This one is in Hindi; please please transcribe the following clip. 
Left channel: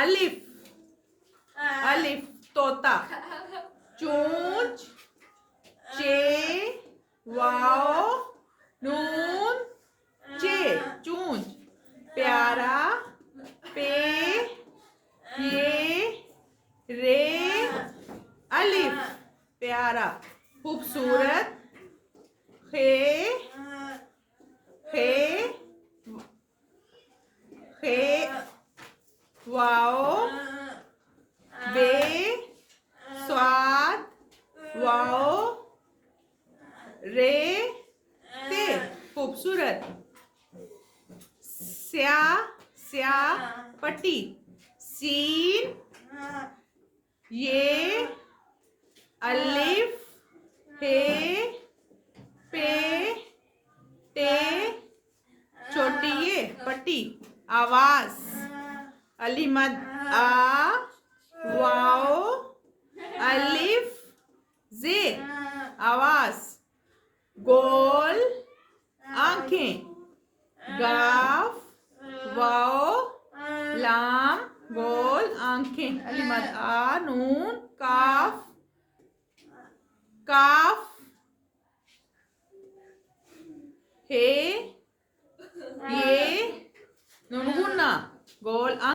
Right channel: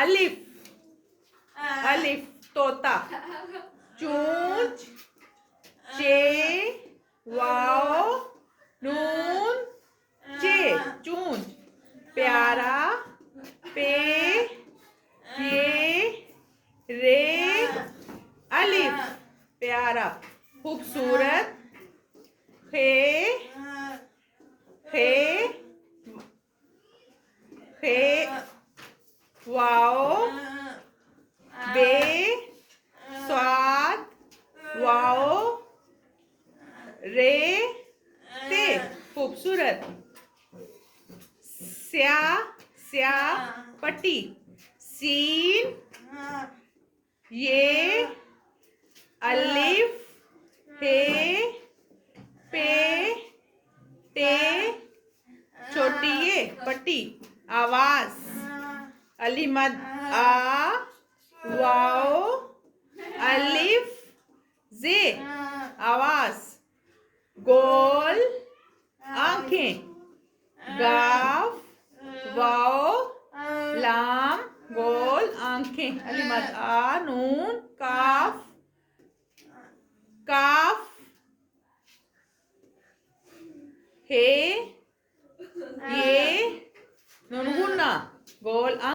अलिफ अलिफ तोता चूंच चे वाओ नून चे चूंच प्यारा पे ये रे अलिफ प्यारा खूबसूरत खे खे खे वाओ बे स्वाद वाओ रे ते खूबसूरत स्या स्या पट्टी सीन ये अलिफ हे पे टे छोटी ये पट्टी आवाज अलीमद आ वाओ अलिफ जे आवाज गोल आंखें गाफ वाओ लाम गोल आंखें अलीमद आ नून काफ काफ हे ये नून गुन्ना गोल